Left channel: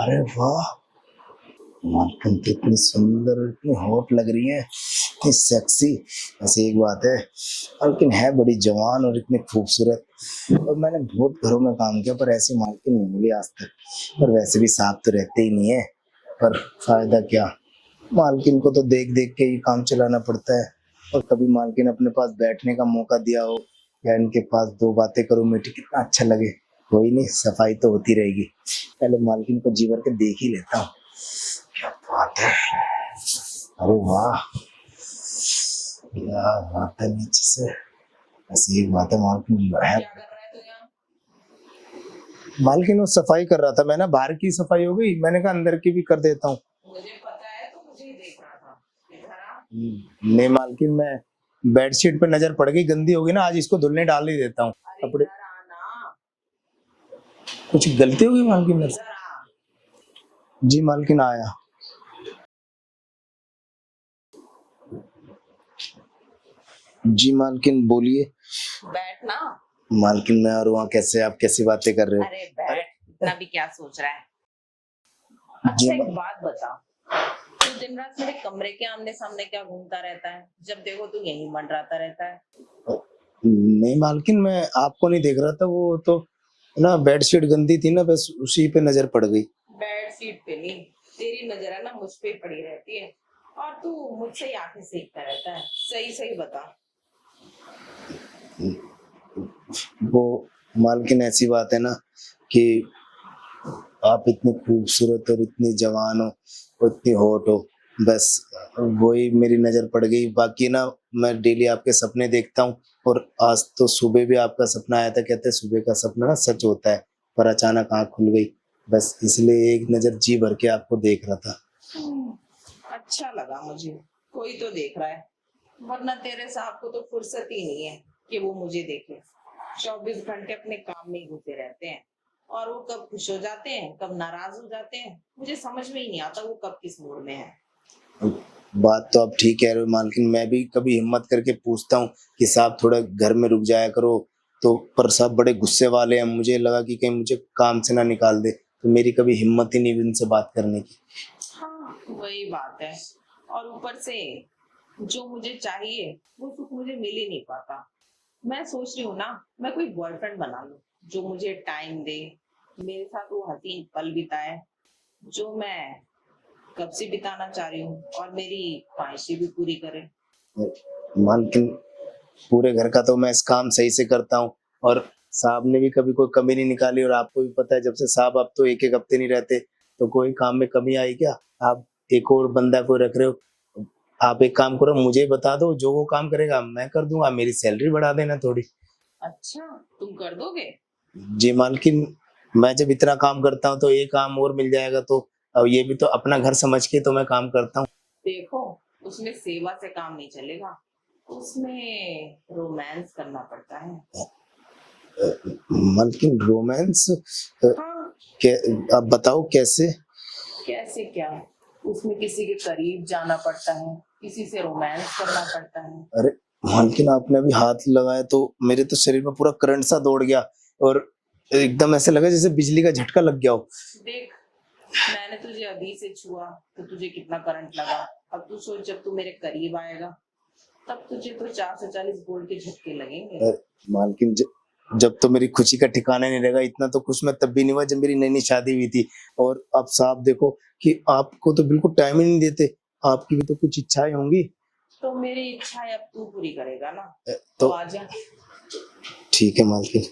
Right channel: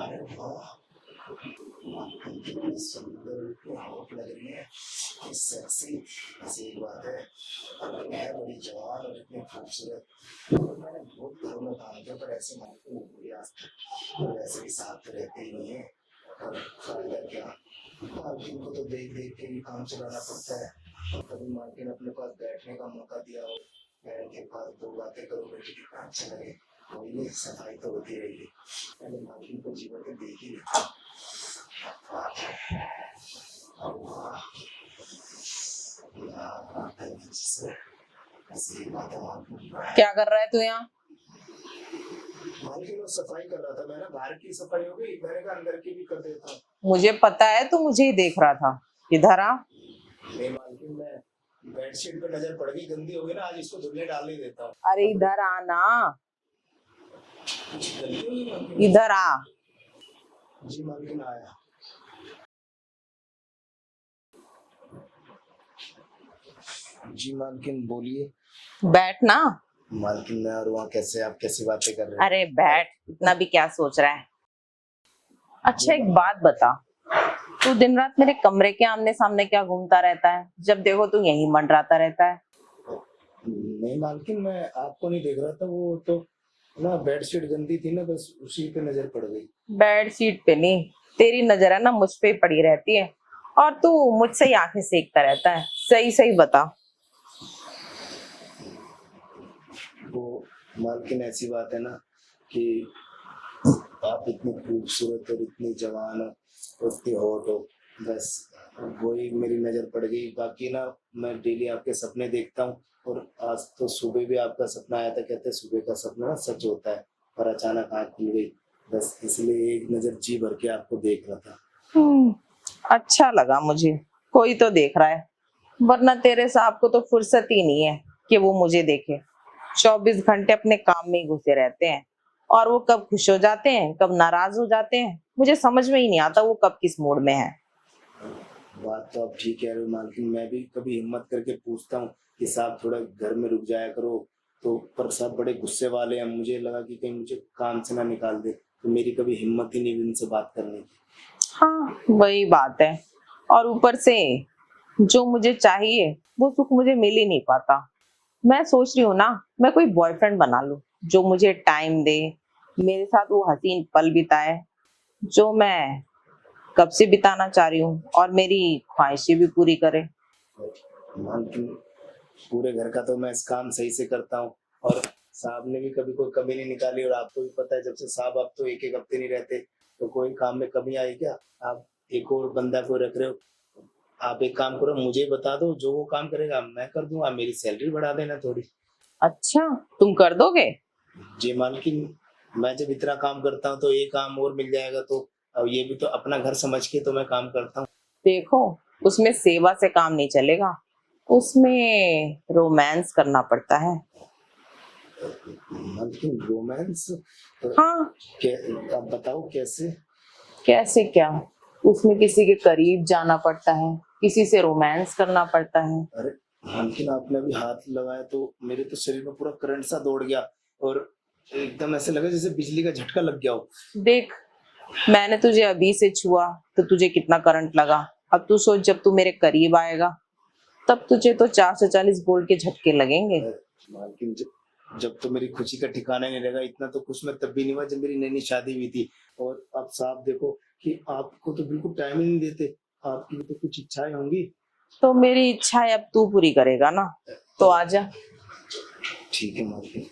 अरे वाह, मालकिन तो इतनी सुंदर और इतनी हॉट लग रही है, इतनी सेक्सी। बस एक बात है, मालकिन है बड़ी जवान और इतनी खूबसूरत। और मैंने बहुत घरों में काम किया पर ऐसी मालकिन नहीं मिली आज तक। और वैसे भी साथ तो रहते ही नहीं है, पर फायदा क्या, मालकिन को तो देख देख के ही काम चलाना पड़ता है। और कभी मालकिन अपने पास बैठने का मौका दिया हो या इनके पास दो बातें करो मीठी, कितना अच्छा लगे। कोई नहीं, सफाई तो होती रहेगी। पहले मालकिन को जी भर के देख ही लेता हूँ। क्या बात है, अरे वाह, क्या बात है नीचे से। ऐसी एक बात है, मालकिन है। क्या कर रहा है तू यहाँ? मालकिन वो सफाई कर रहा था, मैं ना बाहर की सफाई हो गई, मैंने कहा अंदर की भी कर देता हूँ। मुझे पता है तू मुझे ही देख रहा था। इधर आ। नहीं मालकिन, मैं बेडशीट पे नजर पड़ गई, गंदी होगी ना, आज इसको धुलने डाल ही देता हूँ। अरे कपड़े, इधर आना। कुछ गलती होगी मालकिन? इधर आ। जी मालकिन आया। जी मालकिन बोलिए। बैठ ना। मालकिन मैं और वहाँ कैसे, आप कैसी बातें कर रहे हो? अरे बैठ, इतना भी क्या सोच रहा है? जी अच्छा एक बात बता, तू दिन रात मेरे कमरे के आमने सामने क्या घूमता रहता है? जब देखो तू यहीं मंडराता रहता है। नहीं मालकिन, मैं आपको नहीं देख रहा था, वो तो ना बेडशीट गंदी थी ना, बस उसी पे नजर पड़ गई। बेड शीट पे नहीं, तेरी नजर है ना मुझ पे ही पड़ी रहती है। और तू मुझसे ही आंखें सेकता रहता है। सही सही बता। वो मालकिन ऐसी बात है ना कि आप इतनी खूबसूरत और इतनी जवान हो और इतनी हॉट हो, बस वही मेरी नजर पड़ गई। बाकी ना, मैं डेली आपके सपने देखता हूँ और आज तो सुबह भी आपका सपना आया था। कहते हैं सुबह का सपना ना सच होता है, पर अचानक आँख खुल गई, बस इसलिए एक नजर जी भर के आपको देख रहा था। अच्छा लगा मुझे, कोई तो देख रहा है, वरना तेरे साहब को तो फुर्सत ही नहीं है कि वो मुझे देखे। 24 घंटे अपने काम में ही घुसे रहते हैं। और वो कब खुश हो जाते हैं कब नाराज हो जाते हैं, मुझे समझ में ही नहीं आता वो कब किस मूड में है। बात तो आप ठीक कह रहे हो मालकिन, मैं भी कभी हिम्मत करके पूछता हूँ कि साहब थोड़ा घर में रुक जाया करो, तो पर साहब बड़े गुस्से वाले हैं। मुझे लगा कि कहीं मुझे काम से ना निकाल दे, तो मेरी कभी हिम्मत ही नहीं हुई उनसे बात करने की। हाँ वही बात है। और ऊपर से जो मुझे चाहिए वो सुख मुझे मिल ही नहीं पाता। मैं सोच रही हूँ ना, मैं कोई बॉयफ्रेंड बना लूं जो मुझे टाइम दे, मेरे साथ वो हसीन पल बिताए जो मैं कब से बिताना चाह रही हूँ, और मेरी ख्वाहिशें भी पूरी करे। मालकिन पूरे घर का तो मैं इस काम सही से करता हूँ, और साहब ने भी कभी कोई कमी नहीं निकाली। और आपको भी पता है, जब से साहब आप तो एक एक हफ्ते नहीं रहते, तो कोई काम में कमी आई क्या? आप एक और बंदा कोई रख रहे हो? आप एक काम करो, मुझे बता दो, जो वो काम करेगा मैं कर दूंगा, मेरी सैलरी बढ़ा देना थोड़ी। अच्छा, तुम कर दोगे? जी मालकिन, मैं जब इतना काम करता हूँ तो ये काम और मिल जाएगा, तो अब ये भी तो अपना घर समझ के तो मैं काम करता हूँ। देखो, उसमें सेवा से काम नहीं चलेगा, उसमें रोमांस करना पड़ता है। मालकिन रोमांस? हाँ। आप बताओ कैसे? कैसे क्या? उसमें किसी के करीब जाना पड़ता है, किसी से रोमांस करना पड़ता है। अरे मालकिन, आपने अभी हाथ लगाया तो मेरे तो शरीर में पूरा करंट सा दौड़ गया, और एकदम ऐसे लगा जैसे बिजली का झटका लग गया हो। देख, मैंने तुझे अभी से छुआ तो तुझे कितना करंट लगा। अब तू सोच, जब तू मेरे करीब आएगा तब तुझे तो 440 वोल्ट के झटके लगेंगे। मालकिन, जब तो मेरी खुशी का ठिकाना नहीं रहेगा। इतना तो खुश मैं तब भी नहीं हुआ जब मेरी नई नई शादी हुई थी। और अब साहब देखो कि आपको तो बिल्कुल टाइम ही नहीं देते, आपकी भी तो कुछ इच्छाएं होंगी। तो मेरी इच्छा है अब तू पूरी करेगा ना, तो तो आजा। ठीक है मालकिन।